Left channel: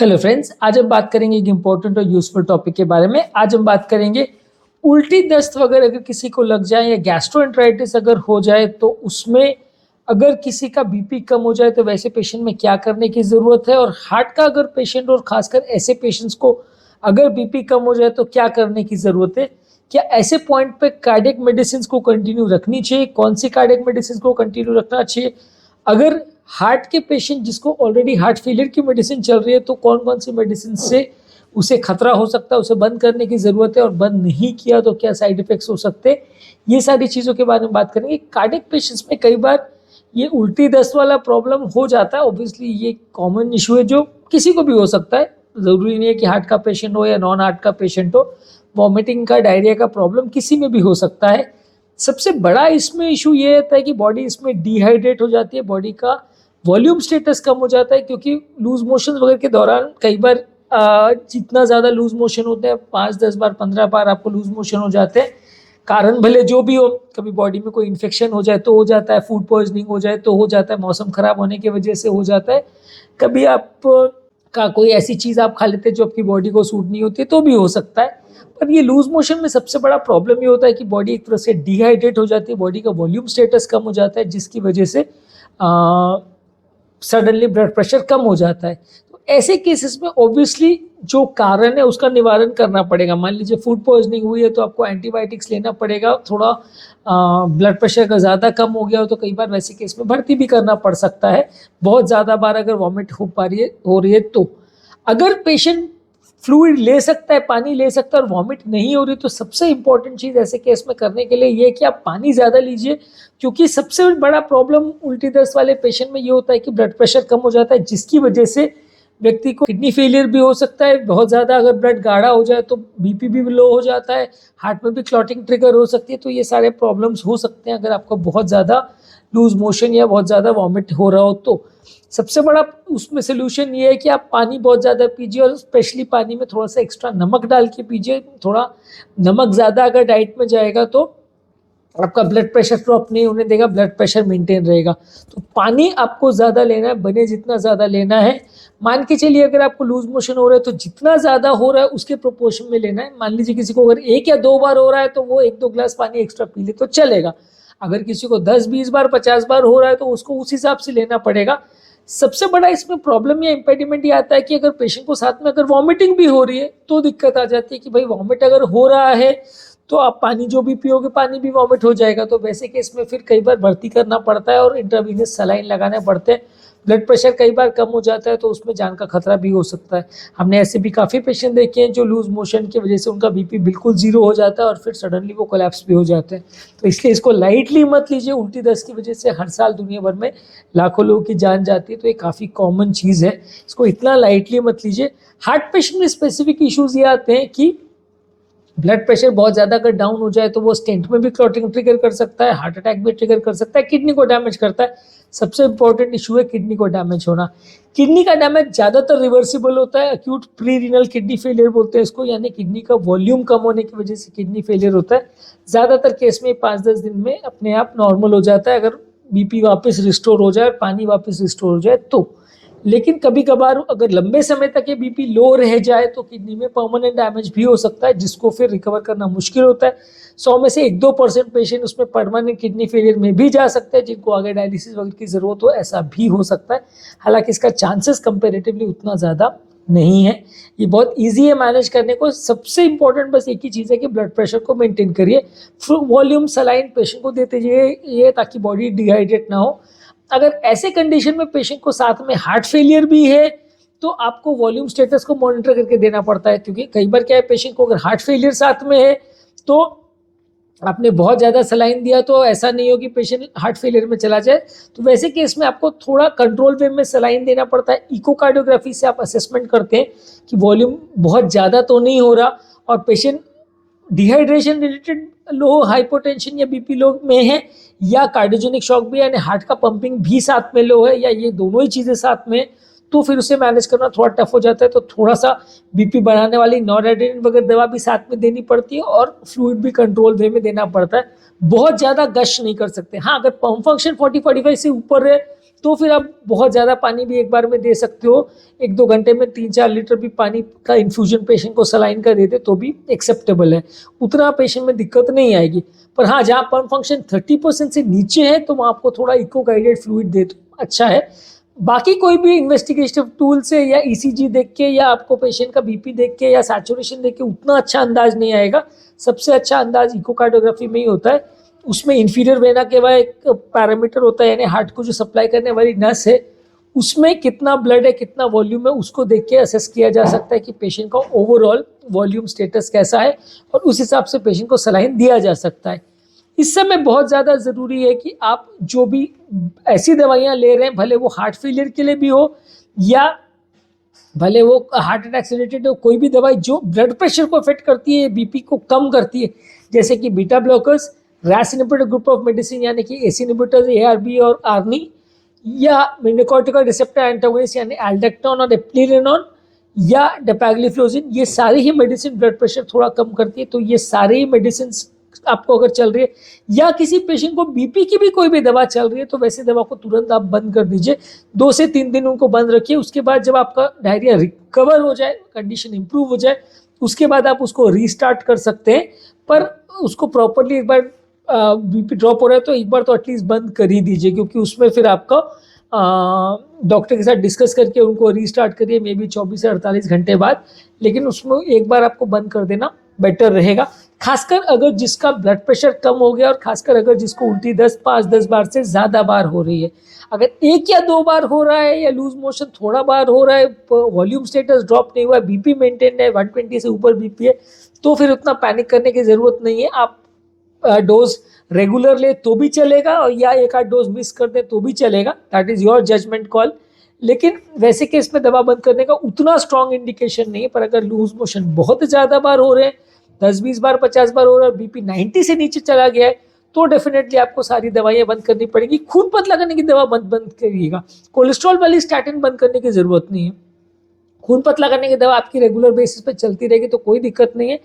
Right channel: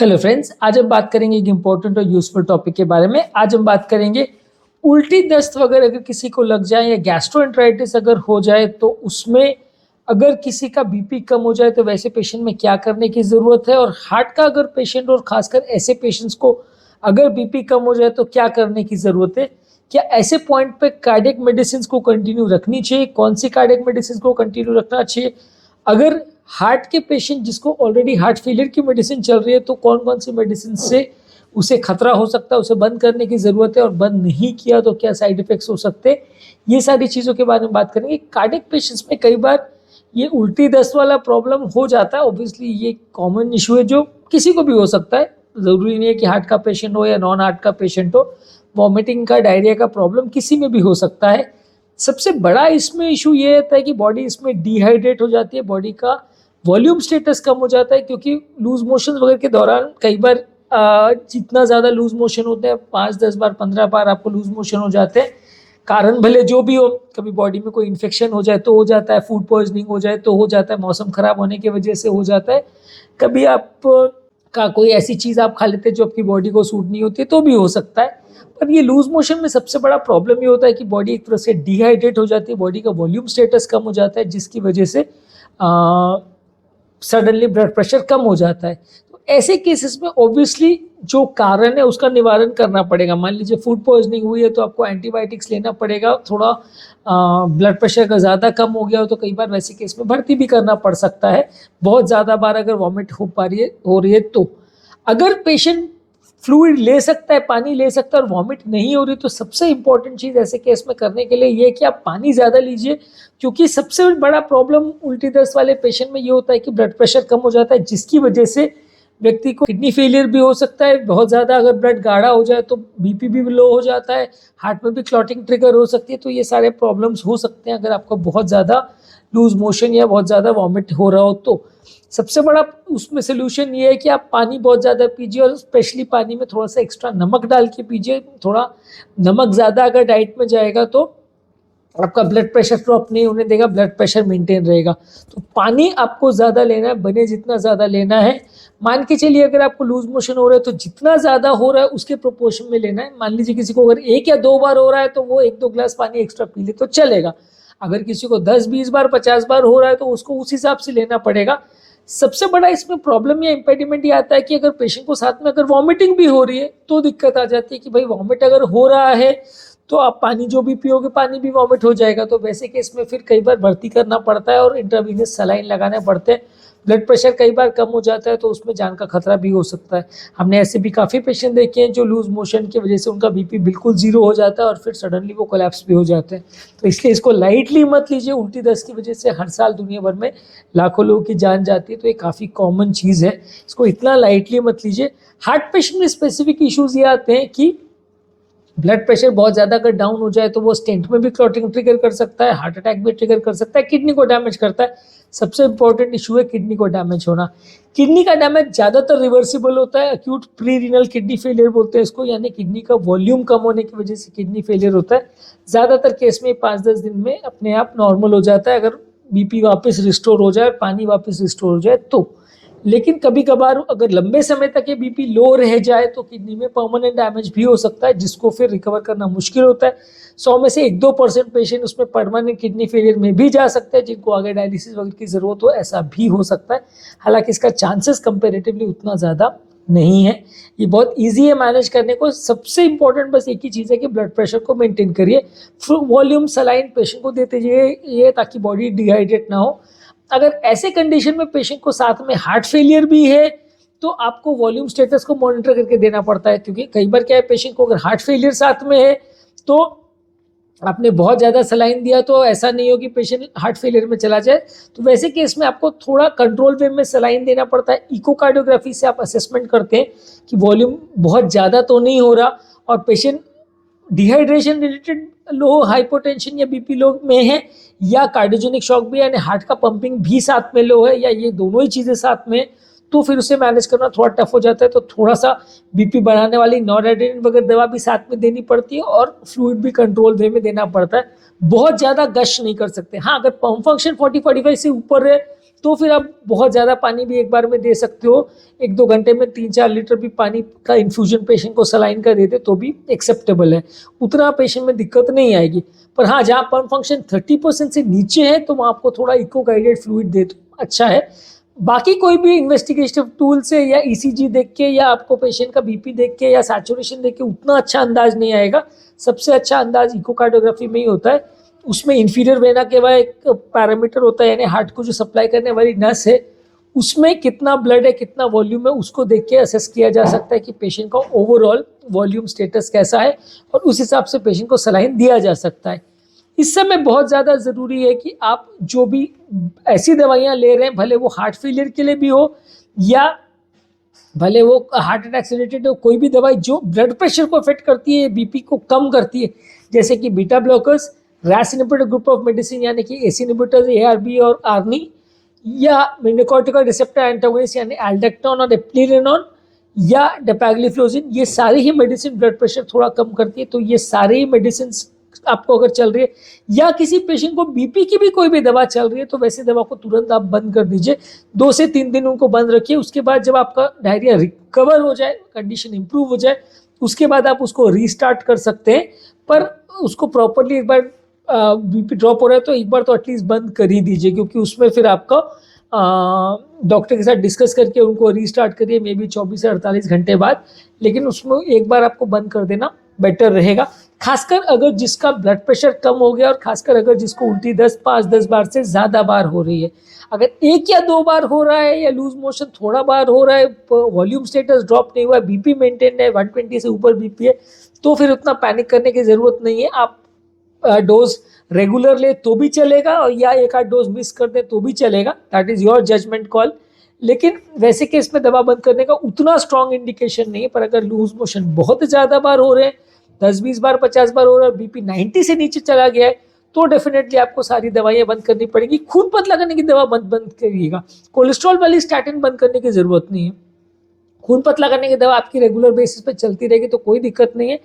Hello friends, आज हम बात करेंगे एक इम्पोर्टेंट और यूजफुल टॉपिक के बारे में। आज हम बात करेंगे उल्टी दस्त वगैरह अगर किसी को लग जाए या गैस्ट्रोएंटराइटिस अगर हो जाए तो उसमें अगर किसी का बीपी कम हो जाए तो वैसे पेशेंट में क्या करने की ज़रूरत है, और हार्ट का अगर पेशेंट और खासकर ऐसे पेशेंट्स को अगर बीपी कम हो जाए तो क्या करने की ज़रूरत है। क्या ऐसे पॉइंट पे कार्डियक मेडिसिन को कंटिन्यू रखनी चाहिए, कौन सी कार्डियक मेडिसिन को कंटिन्यू रखना चाहिए। अगर हार्ट के पेशेंट जिसको ऑलरेडी हार्ट फेलियर की मेडिसिन चल रही है तो कौन कौन सी मेडिसिन से उसे खतरा हो सकता है, उसे बंद करने की ज़रूरत है, और बंद नहीं किया तो क्या साइड इफ़ेक्ट्स हो सकते हैं। ये सारी चीज़ों के बारे में बात करेंगे। कार्डियक पेशेंट्स में कई बार ये उल्टी दस्त वाला प्रॉब्लम हो जाता है। ऑब्वियसली ये कॉमन इशू है जो किसी को भी हो सकता है, ज़रूरी नहीं है कि हार्ट का पेशेंट हो या नॉन हार्ट का पेशेंट हो। वॉमिटिंग का, डायरिया का प्रॉब्लम किसी में भी हो सकता है। सबसे बड़ा इसमें इशू ये रहता है कि बॉडी इसमें डिहाइड्रेट हो जाती है, बॉडी का वॉल्यूम स्टेटस कम हो जाता है, क्योंकि लूज मोशन वगैरह के दौरान कई बार जितना ज़्यादा लूज मोशन होते हैं, 5-10 बार 15 बार आपको लूज मोशन हो जाते हैं। कारण भले जो भी हो, कभी बॉडी में कोई इन्फेक्शन हो जाए तो हो जाता है, फूड पॉइजनिंग हो जाए तो हो जाता है, मौसम खराब होने की वजह से हो जाता है, कभी आप का कोई ऐसी चीज़ आप खा लेते हैं जो आपकी बॉडी को सूट नहीं होती तो भी हो सकता है। पर ये लूज मोशन में सबसे बड़ा प्रॉब्लम ये होता है कि बॉडी एक तरह से डिहाइड्रेट हो जाती है, बॉडी का वॉल्यूम स्टेटस कम हो जाता है, जिसकी वजह से सडनली ब्लड प्रेशर कम हो जाता है। तो ऐसे केसेस में ऑब्वियसली जो कारण है उसका निवारण करना पड़ेगा। मान लीजिए फूड पॉइजनिंग हुई है तो आपको एंटीबायोटिक्स लेना पड़ेगा। थोड़ा ब्लड प्रेशर अगर ज़्यादा कम हो गया हो तो कई बार वैसे केस में भर्ती भी करना पड़ सकता है। बहुत ज़्यादा बार अगर वॉमिट हो रही है तो अगर पेशेंट फ्लूइड ले सकता है, पानी ले सकता है और वॉमिट नहीं हो रही, तो सबसे इंपॉर्टेंट चीज़ ऐसे केस में करने के लिए ये है कि आप पानी ज़्यादा लीजिए। क्योंकि सबसे बड़ा प्रॉब्लम उल्टी दस्त वाले पेशेंट में ये होता है कि ब्लड प्रेशर कम हो जाता है, जिसकी वजह से व्यक्ति को किडनी फेलियर भी हो सकता है। बहुत ज़्यादा अगर ब्लड गाढ़ा हो जाए तो बीपी भी लो हो जाता है, हार्ट में भी क्लॉटिंग ट्रिगर हो सकती है। तो ये सारे प्रॉब्लम्स हो सकते हैं अगर आपको बहुत ज़्यादा लूज मोशन या बहुत ज़्यादा वॉमिट हो रहा हो तो। सबसे बड़ा उसमें सोल्यूशन ये है कि आप पानी बहुत ज़्यादा पीजिए, और स्पेशली पानी में थोड़ा सा एक्स्ट्रा नमक डाल के पीजिए। थोड़ा नमक ज़्यादा अगर डाइट में जाएगा तो आपका ब्लड प्रेशर ड्रॉप नहीं होने देगा, ब्लड प्रेशर मेंटेन रहेगा। तो पानी आपको ज़्यादा लेना है, बने जितना ज़्यादा लेना है। मान के चलिए अगर आपको लूज मोशन हो रहा है तो जितना ज़्यादा हो रहा है उसके प्रोपोर्शन में लेना है। मान लीजिए किसी को अगर 1 या 2 बार हो रहा है तो वो 1-2 ग्लास पानी एक्स्ट्रा पी ले तो चलेगा। अगर किसी को 10-20 बार 50 बार हो रहा है तो उसको उस हिसाब से लेना पड़ेगा। सबसे बड़ा इसमें प्रॉब्लम या इम्पेडिमेंट ये आता है कि अगर पेशेंट को साथ में अगर वॉमिटिंग भी हो रही है तो दिक्कत आ जाती है कि भाई वॉमिट अगर हो रहा है तो आप पानी जो भी पियोगे पानी भी वॉमिट हो जाएगा। तो वैसे केस में फिर कई बार भर्ती करना पड़ता है और इंट्रावीनस सलाइन लगाने पड़ते हैं। ब्लड प्रेशर कई बार कम हो जाता है तो उसमें जान का खतरा भी हो सकता है। हमने ऐसे भी काफ़ी पेशेंट देखे हैं जो लूज मोशन की वजह से उनका बीपी बिल्कुल जीरो हो जाता है और फिर सडनली वो कोलैप्स भी हो जाते हैं। तो इसलिए इसको लाइटली मत लीजिए। उल्टी दस्त की वजह से हर साल दुनिया भर में लाखों लोगों की जान जाती है, तो ये काफ़ी कॉमन चीज़ है, इसको इतना लाइटली मत लीजिए। हार्ट पेशेंट में स्पेसिफिक इश्यूज ये आते हैं कि ब्लड प्रेशर बहुत ज़्यादा अगर डाउन हो जाए तो वो स्टेंट में भी क्लॉटिंग ट्रिगर कर सकता है, हार्ट अटैक भी ट्रिगर कर सकता है, किडनी को डैमेज करता है। सबसे इंपॉर्टेंट इशू है किडनी को डैमेज होना। किडनी का डैमेज ज़्यादातर रिवर्सिबल होता है, acute pre renal kidney failure बोलते हैं इसको, यानी किडनी का वॉल्यूम कम होने की वजह से किडनी फेलियर होता है। ज़्यादातर केस में 5-10 दिन में अपने आप नॉर्मल हो जाता है अगर बीपी वापस रिस्टोर हो जाए, पानी वापस रिस्टोर हो जाए तो। लेकिन कभी कभार अगर लंबे समय तक ये बीपी लो रह जाए तो किडनी में परमानेंट डैमेज भी हो सकता है, जिसको फिर रिकवर करना मुश्किल होता है। 100 में से 1-2% पेशेंट उसमें परमानेंट किडनी फेलियर में भी जा सकते हैं, जिनको आगे डायलिसिस वगैरह की जरूरत हो, ऐसा भी हो सकता है। हालांकि इसका चांसेस कंपेरेटिवली उतना ज़्यादा नहीं है। ये बहुत ईजी है मैनेज करने को। सबसे इंपॉर्टेंट बस एक ही चीज़ है कि ब्लड प्रेशर को मेंटेन करिए। फुल वॉल्यूम सलाइन पेशेंट को देते जाइए ताकि बॉडी डिहाइड्रेट ना हो। अगर ऐसे कंडीशन में पेशेंट को साथ में हार्ट फेलियर भी है तो आपको वॉल्यूम स्टेटस को मॉनिटर करके देना पड़ता है, क्योंकि कई बार क्या है, पेशेंट को अगर हार्ट फेलियर साथ में है तो आपने बहुत ज़्यादा सलाइन दिया तो ऐसा नहीं हो कि पेशेंट हार्ट फेलियर में चला जाए। तो वैसे केस में आपको थोड़ा कंट्रोल वे में सलाइन देना पड़ता है। इकोकार्डियोग्राफी से आप असेसमेंट करते हैं कि वॉल्यूम बहुत ज़्यादा तो नहीं हो रहा और पेशेंट डिहाइड्रेशन रिलेटेड लो, हाइपोटेंशन या बीपी लो में है, या कार्डियोजेनिक शॉक भी यानी हार्ट का पंपिंग भी साथ में लो है, या ये दोनों ही चीज़ें साथ में, तो फिर उसे मैनेज करना थोड़ा टफ हो जाता है। तो थोड़ा सा बीपी बढ़ाने वाली नॉरएड्रेनालिन वगैरह दवा भी साथ में देनी पड़ती है और फ्लूइड भी कंट्रोल वे में देना पड़ता है। बहुत ज़्यादा गश नहीं कर सकते। हाँ, अगर पंप फंक्शन 40-45 से ऊपर है तो फिर आप बहुत ज़्यादा पानी भी एक बार में दे सकते हो। 1-2 घंटे में 3-4 लीटर भी पानी का इन्फ्यूजन पेशेंट को सलाइन का दे दे तो भी एक्सेप्टेबल है, उतना पेशेंट में दिक्कत नहीं आएगी। पर हाँ, जहाँ पम्प फंक्शन 30% से नीचे है तो वहाँ आपको थोड़ा इको गाइडेड फ्लूइड दे तो अच्छा है। बाकी कोई भी इन्वेस्टिगेटिव टूल से या ईसीजी देख के या आपको पेशेंट का बीपी देख के या सैचुरेशन देख के उतना अच्छा अंदाज नहीं आएगा। सबसे अच्छा अंदाज इकोकार्डियोग्राफी में ही होता है। उसमें इंफीरियर वेना के बाद एक पैरामीटर होता है, यानी हार्ट को जो सप्लाई करने वाली नस है उसमें कितना ब्लड है, कितना वॉल्यूम है, उसको देख के असेस किया जा सकता है कि पेशेंट का ओवरऑल वॉल्यूम स्टेटस कैसा है और उस हिसाब से पेशेंट को सलाइन दिया जा सकता है। इस समय बहुत ज़्यादा ज़रूरी है कि आप जो भी ऐसी दवाइयाँ ले रहे हैं, भले वो हार्ट फेलियर के लिए भी हो या भले वो हार्ट अटैक से रिलेटेड हो, कोई भी दवाई जो ब्लड प्रेशर को अफेक्ट करती है, बीपी को कम करती है, जैसे कि beta blockers, RAS inhibitor group of medicine यानी कि एसी इनहिबिटर्स, एआरबी और आर्निन, या मिनोकॉर्टिकॉइड रिसेप्टर एंटागोनिस्ट यानी एल्डेक्टोन और एप्लिरेनॉन या डेपाग्लिफ्लोजिन, ये सारी ही मेडिसिन ब्लड प्रेशर थोड़ा कम करती है। तो ये सारी ही मेडिसिन आपको अगर चल रही है या किसी पेशेंट को बीपी की भी कोई भी दवा चल रही है तो वैसे दवा को तुरंत आप बंद कर दीजिए। 2 से 3 दिन उनको बंद रखिए। उसके बाद जब आपका डायरिया रिकवर हो जाए, कंडीशन इंप्रूव हो जाए, उसके बाद आप उसको रीस्टार्ट कर सकते हैं। पर उसको प्रॉपरली एक बार बीपी ड्रॉप हो रहा है तो एक बार तो एटलीस्ट बंद कर ही दीजिए, क्योंकि उसमें फिर आपका डॉक्टर के साथ डिस्कस करके उनको रीस्टार्ट करिए मे बी 24 से 48 घंटे बाद, लेकिन उसमें एक बार आपको बंद कर देना बेटर रहेगा। खासकर अगर जिसका ब्लड प्रेशर कम हो गया और खासकर अगर जिसको उल्टी 10 बार से ज़्यादा बार हो रही है, अगर 1 या 2 बार हो रहा है या लूज मोशन थोड़ा बार हो रहा है, वॉल्यूम स्टेटस ड्रॉप नहीं हुआ है, बीपी मेंटेन है, 120 से ऊपर बीपी है, तो फिर उतना पैनिक करने की ज़रूरत नहीं है। आप डोज रेगुलर ले तो भी चलेगा और या 1-8 डोज मिस कर दे तो भी चलेगा, that is your judgement call. लेकिन वैसे केस में दवा बंद करने का उतना स्ट्रॉन्ग इंडिकेशन नहीं है। पर अगर लूज मोशन बहुत ज़्यादा बार हो रहे हैं, 10-20 बार 50 बार हो रहा है, बीपी 90 से नीचे चला गया है, तो डेफिनेटली आपको सारी दवाइयाँ बंद करनी पड़ेगी। खून पतला करने की दवा बंद करिएगा। कोलेस्ट्रॉल वाली स्टैटिन बंद करने की ज़रूरत नहीं है। खून पतला करने की दवा आपकी रेगुलर बेसिस पे चलती रहेगी तो कोई दिक्कत नहीं है।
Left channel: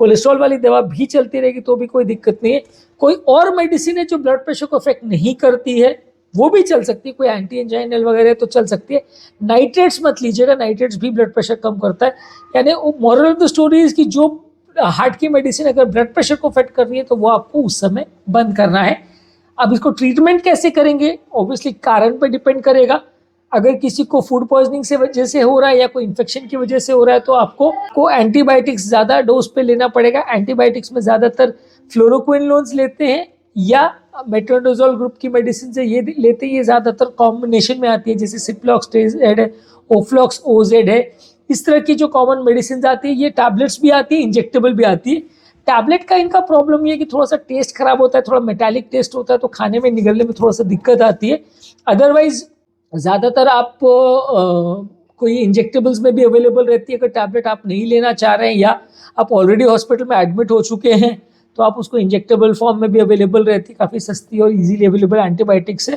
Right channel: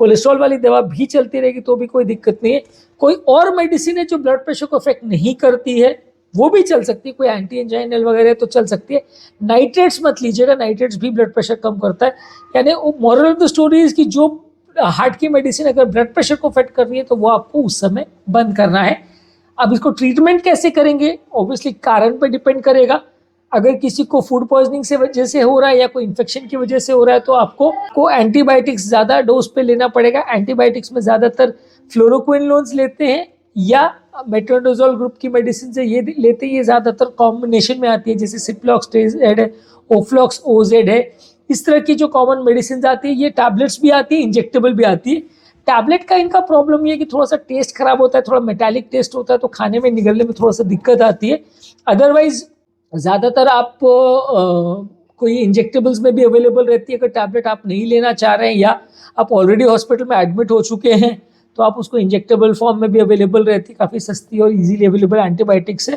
कोलेस्ट्रॉल वाली दवा भी चलती रहेगी तो भी कोई दिक्कत नहीं है। कोई और मेडिसिन है जो ब्लड प्रेशर को अफेक्ट नहीं करती है वो भी चल सकती है, कोई एंटी एंजाइनल वगैरह तो चल सकती है। नाइट्रेट्स मत लीजिएगा, नाइट्रेट्स भी ब्लड प्रेशर कम करता है। यानी moral of the story is कि जो हार्ट की मेडिसिन अगर ब्लड प्रेशर को अफेक्ट कर रही है तो वो आपको उस समय बंद करना है। अब इसको ट्रीटमेंट कैसे करेंगे, ऑब्वियसली कारण पर डिपेंड करेगा। अगर किसी को फूड पॉइजनिंग से वजह से हो रहा है या कोई इन्फेक्शन की वजह से हो रहा है तो आपको एंटीबायोटिक्स ज़्यादा डोज पे लेना पड़ेगा। एंटीबायोटिक्स में ज़्यादातर फ्लोरोक्विनोन्स लेते हैं या मेट्रोनिडोजोल ग्रुप की मेडिसिन से ये लेते हैं। ये ज़्यादातर कॉम्बिनेशन में आती है, जैसे सिप्लॉक्सटेज है, ओफ्लॉक्स ओजेड है, इस तरह की जो कॉमन मेडिसिन आती है। ये टैबलेट्स भी आती है, इंजेक्टेबल भी आती है। टैबलेट का इनका प्रॉब्लम ये है कि थोड़ा सा टेस्ट खराब होता है, थोड़ा मेटालिक टेस्ट होता है, तो खाने में निगलने में थोड़ा सा दिक्कत आती है। अदरवाइज ज़्यादातर आप कोई इंजेक्टेबल्स में भी अवेलेबल रहती है। अगर टैबलेट आप नहीं लेना चाह रहे हैं या आप ऑलरेडी हॉस्पिटल में एडमिट हो चुके हैं तो आप उसको इंजेक्टेबल फॉर्म में भी अवेलेबल रहती है, काफ़ी सस्ती और इजीली अवेलेबल एंटीबायोटिक्स है।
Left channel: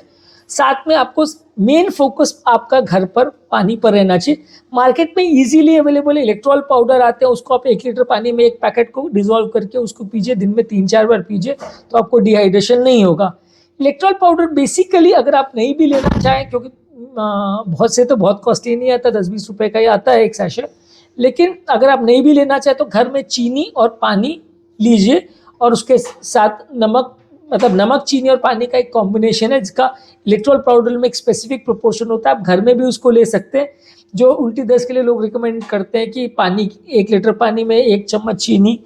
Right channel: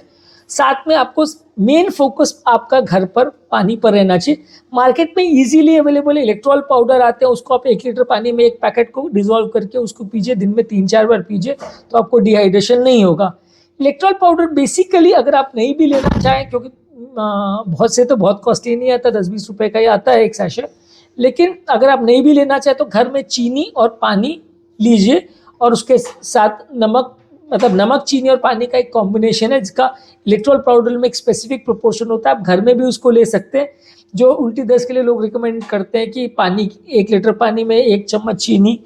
साथ में आपको मेन फोकस आपका घर पर पानी पर रहना चाहिए। मार्केट में इजीली अवेलेबल इलेक्ट्रॉल पाउडर आते हैं, उसको आप 1 लीटर पानी में एक पैकेट को डिजोल्व करके उसको पीजिए, दिन में 3-4 बार पीजिए तो आपको डिहाइड्रेशन नहीं होगा। इलेक्ट्रॉल पाउडर बेसिकली अगर आप नहीं भी लेना चाहें, क्योंकि बहुत से तो बहुत कॉस्टली नहीं आता, 10-20 रुपए का ही आता है एक सैशे, लेकिन अगर आप नहीं भी लेना चाहें तो घर में चीनी और पानी लीजिए और उसके साथ नमक, मतलब नमक चीनी और पानी का एक कॉम्बिनेशन है जिसका इलेक्ट्रॉल पाउडर में एक स्पेसिफिक प्रोपोर्शन होता है। आप घर में भी उसको ले सकते हैं। जो उल्टी दस्त के लिए लोग रिकमेंड करते हैं कि पानी 1 लीटर पानी में 1 चम्मच चीनी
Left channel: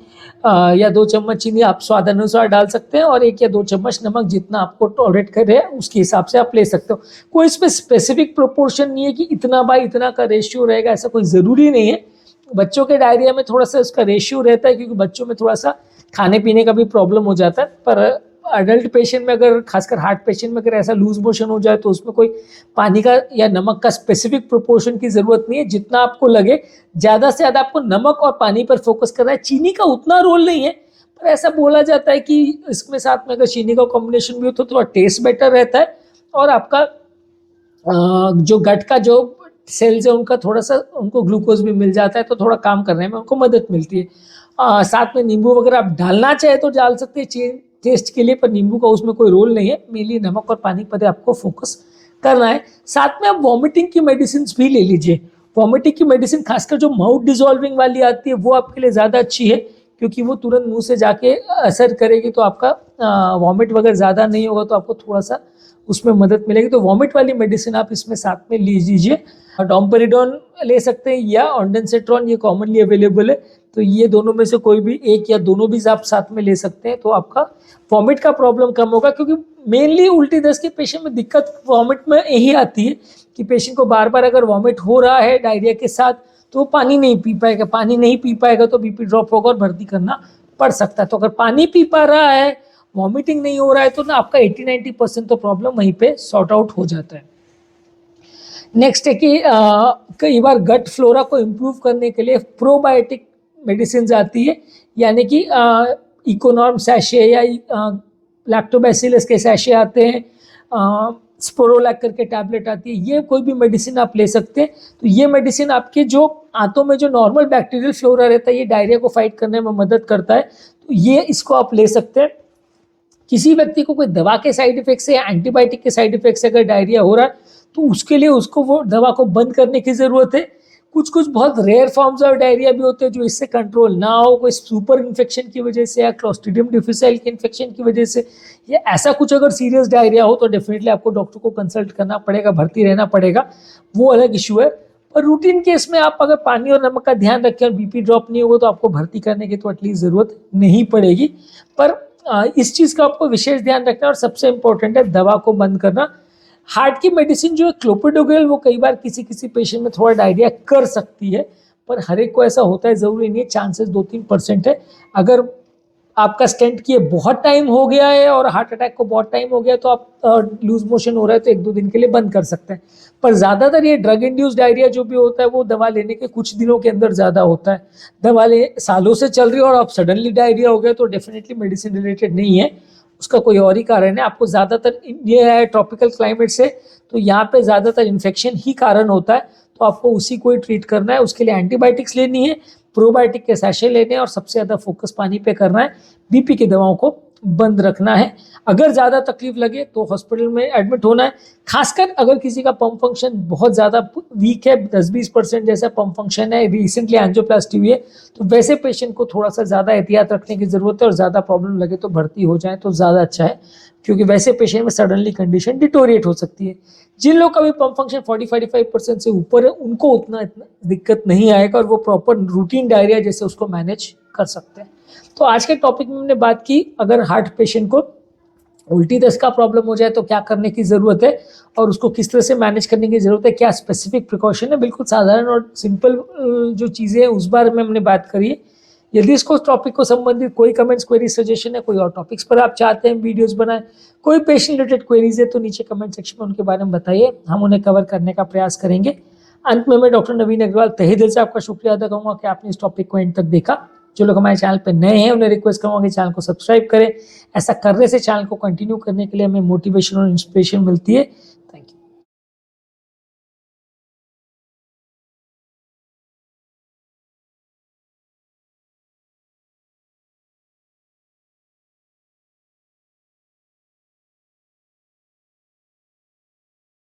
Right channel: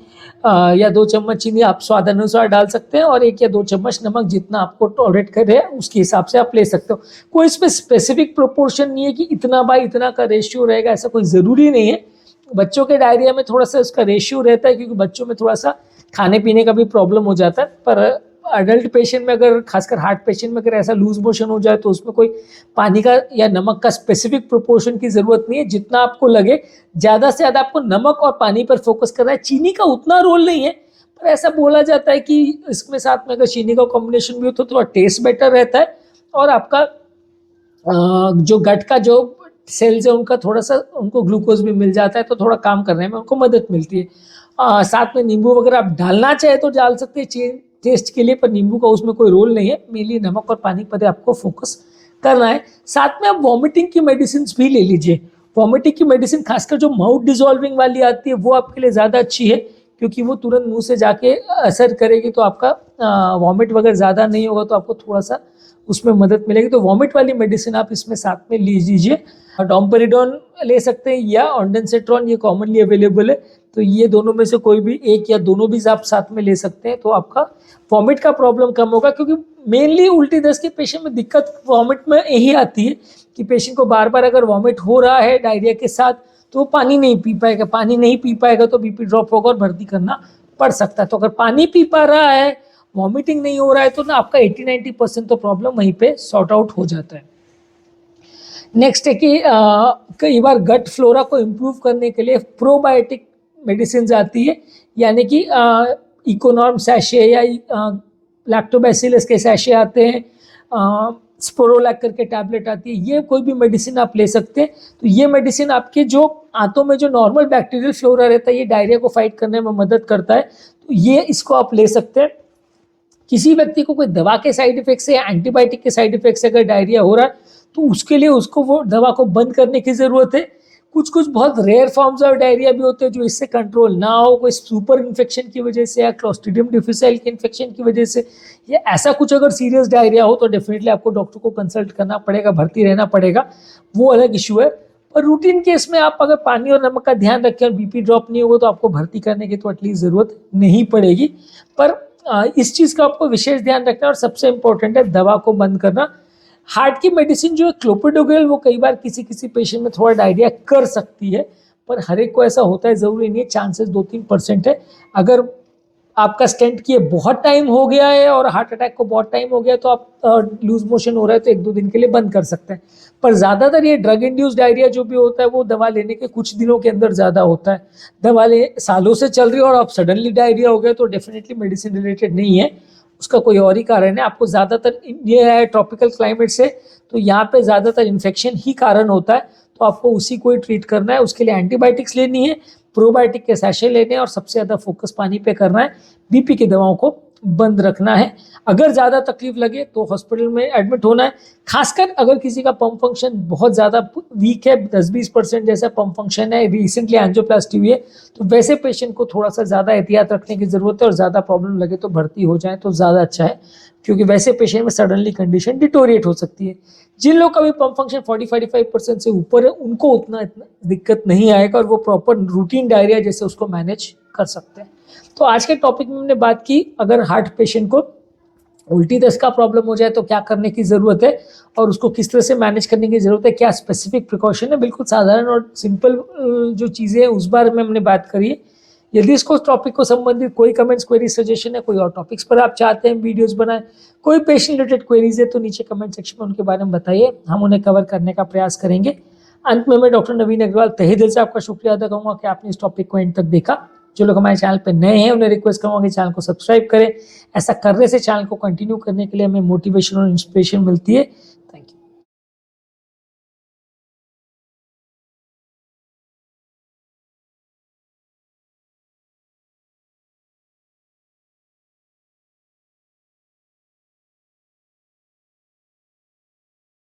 या 2 चम्मच चीनी आप स्वाद अनुसार डाल सकते हैं और 1 या 2 चम्मच नमक, जितना आपको टॉलरेट करे उसके हिसाब से आप ले सकते हो। कोई इसमें स्पेसिफिक प्रोपोर्शन नहीं है कि इतना बाई इतना का रेशियो रहेगा, ऐसा कोई ज़रूरी नहीं है। बच्चों के डायरिया में थोड़ा सा उसका रेशियो रहता है क्योंकि बच्चों में थोड़ा सा खाने पीने का भी प्रॉब्लम हो जाता है। पर अडल्ट पेशेंट में, अगर खासकर हार्ट पेशेंट में अगर ऐसा लूज मोशन हो जाए तो उसमें कोई पानी का या नमक का स्पेसिफिक प्रोपोर्शन की ज़रूरत नहीं है। जितना आपको लगे, ज़्यादा से ज़्यादा आपको नमक और पानी पर फोकस करना है। चीनी का उतना रोल नहीं है, पर ऐसा बोला जाता है कि इसमें साथ में अगर चीनी का कॉम्बिनेशन भी हो तो थोड़ा टेस्ट बेटर रहता है और आपका जो गट का जो सेल्स है उनका थोड़ा सा उनको ग्लूकोज भी मिल जाता है तो थोड़ा काम करने में उनको मदद मिलती है। साथ में नींबू वगैरह आप डालना चाहे तो डाल सकते हैं टेस्ट के लिए, पर नींबू का उसमें कोई रोल नहीं है। मेनली नमक और पानी पर आपको फोकस करना है। साथ में आप वॉमिटिंग की मेडिसिन भी ले लीजिए। वॉमिटिंग की मेडिसिन खासकर जो माउथ डिजॉल्विंग वाली आती है वो आपके लिए ज़्यादा अच्छी है, क्योंकि वो तुरंत मुंह से जाके असर करेगी, तो आपका वॉमिट वगैरह ज़्यादा नहीं होगा, तो आपको थोड़ा सा उसमें मदद मिलेगी। तो वॉमिट वाली मेडिसिन आप इसमें साथ में ले लीजिए। डोम्पेरिडोन ले सकते हैं या ऑन्डेंसेट्रॉन, ये कॉमनली अवेलेबल है। तो ये दोनों में से कोई भी एक या दोनों भी आप साथ में ले सकते हैं, तो आपका वॉमिट का प्रॉब्लम कम होगा। क्योंकि मेनली उल्टी दस्त के पेशेंट में दिक्कत वॉमिट में यही आती है कि पेशेंट को बार बार अगर वॉमिट हो रहा है डायरिया के साथ, तो पानी नहीं पी पाएगा। पानी नहीं पी पाएगा तो बीपी ड्रॉप होगा और भर्ती करना पड़ सकता है। तो अगर पानी पी पा रहा है, वॉमिटिंग नहीं हो रहा है, तो ना आपका 80-90% तो प्रॉब्लम वहीं पे सॉर्ट आउट हो जाता है। नेक्स्ट है कि कई बार गट फ्लोरा को इम्प्रूव करने के लिए प्रोबायोटिक मेडिसिन आती है, यानी कि इकोनॉर्म सैशे या लैक्टोबैसिलस के सैशे आते हैं, स्पोरोलैक करके टैबलेट आती है। ये कोई भी मेडिसिन आप ले सकते हैं। तो ये मेडिसिन आपके जो आंतों में जो नॉर्मल बैक्टीरियल फ्लोरा रहता है, ये डायरिया को फाइट करने में मदद करता है। तो ये इसको आप ले सकते हैं। किसी व्यक्ति को कोई दवा के साइड इफेक्ट से या एंटीबायोटिक के साइड इफेक्ट से अगर डायरिया हो रहा है, तो उसके लिए उसको वो दवा को बंद करने की ज़रूरत है। कुछ कुछ बहुत रेयर फॉर्म्स ऑफ डायरिया भी होते हैं जो इससे कंट्रोल ना हो, कोई सुपर इन्फेक्शन की वजह से या क्लोस्ट्रीडियम डिफिसाइल के इन्फेक्शन की वजह से, या ऐसा कुछ अगर सीरियस डायरिया हो तो डेफिनेटली आपको डॉक्टर को कंसल्ट करना पड़ेगा, भर्ती रहना पड़ेगा, वो अलग इशू है। पर रूटीन केस में आप अगर पानी और नमक का ध्यान रखें और बीपी ड्रॉप नहीं होगा, तो आपको भर्ती करने की तो एटलीस्ट ज़रूरत नहीं पड़ेगी। पर इस चीज़ का आपको विशेष ध्यान रखना, और सबसे इम्पोर्टेंट है दवा को बंद करना। हार्ट की मेडिसिन जो है क्लोपिडोग्रेल, वो कई बार किसी किसी पेशेंट में थोड़ा डायरिया कर सकती है, पर हर एक को ऐसा होता है जरूरी नहीं है, चांसेस 2-3% है। अगर आपका स्टेंट किए बहुत टाइम हो गया है और हार्ट अटैक को बहुत टाइम हो गया, तो आप लूज मोशन हो रहा है तो 1-2 दिन के लिए बंद कर सकते हैं। पर ज़्यादातर ये ड्रग इंड्यूस डायरिया जो भी होता है, वो दवा लेने के कुछ दिनों के अंदर ज़्यादा होता है। दवा ले सालों से चल रही है और आप सडनली डायरिया हो गया, तो डेफिनेटली मेडिसिन रिलेटेड नहीं है, उसका कोई और ही कारण है। आपको ज़्यादातर ये है ट्रॉपिकल क्लाइमेट से, तो यहाँ पे ज़्यादातर इन्फेक्शन ही कारण होता है, तो आपको उसी को ही ट्रीट करना है। उसके लिए एंटीबायोटिक्स लेनी है, प्रोबायोटिक के सैशे लेने हैं, और सबसे ज़्यादा फोकस पानी पे करना है। बीपी की दवाओं को बंद रखना है। अगर ज़्यादा तकलीफ लगे तो हॉस्पिटल में एडमिट होना है। खासकर अगर किसी का पंप फंक्शन बहुत ज़्यादा वीक है, 10-20% जैसा पंप फंक्शन है, रिसेंटली एंजियोप्लास्टी हुई है, तो वैसे पेशेंट को थोड़ा सा ज़्यादा एहतियात रखने की ज़रूरत है, और ज़्यादा प्रॉब्लम लगे तो भर्ती हो जाए तो ज़्यादा अच्छा है, क्योंकि वैसे पेशेंट में सडनली कंडीशन डिटोरिएट हो सकती है। जिन लोग का भी पंप फंक्शन 40-45% से ऊपर है, उनको उतना इतना दिक्कत नहीं आएगा, और वो प्रॉपर रूटीन डायरिया जैसे उसको मैनेज कर सकते हैं। तो आज के टॉपिक में हमने बात की, अगर हार्ट पेशेंट को उल्टी दस्त का प्रॉब्लम हो जाए तो क्या करने की ज़रूरत है, और उसको किस तरह से मैनेज करने की ज़रूरत है, क्या स्पेसिफिक प्रिकॉशन है। बिल्कुल साधारण और सिंपल जो चीज़ें हैं उस बारे में हमने बात करी है। यदि इसको टॉपिक को संबंधित कोई कमेंट्स, क्वेरी, सजेशन है, कोई और टॉपिक्स पर आप चाहते हैं वीडियोस बनाए, कोई पेशेंट रिलेटेड क्वेरीज है, तो नीचे कमेंट सेक्शन में उनके बारे में बताइए, हम उन्हें कवर करने का प्रयास करेंगे। अंत में मैं डॉक्टर नवीन अग्रवाल तहे दिल से आपका शुक्रिया अदा करूँगा कि आपने इस टॉपिक को एंड तक देखा। जो लोग हमारे चैनल पर नए हैं, उन्हें रिक्वेस्ट करूँगा कि चैनल को सब्सक्राइब करें। ऐसा करने से चैनल को कंटिन्यू करने के लिए हमें मोटिवेशन और इंस्पिरेशन मिलती है।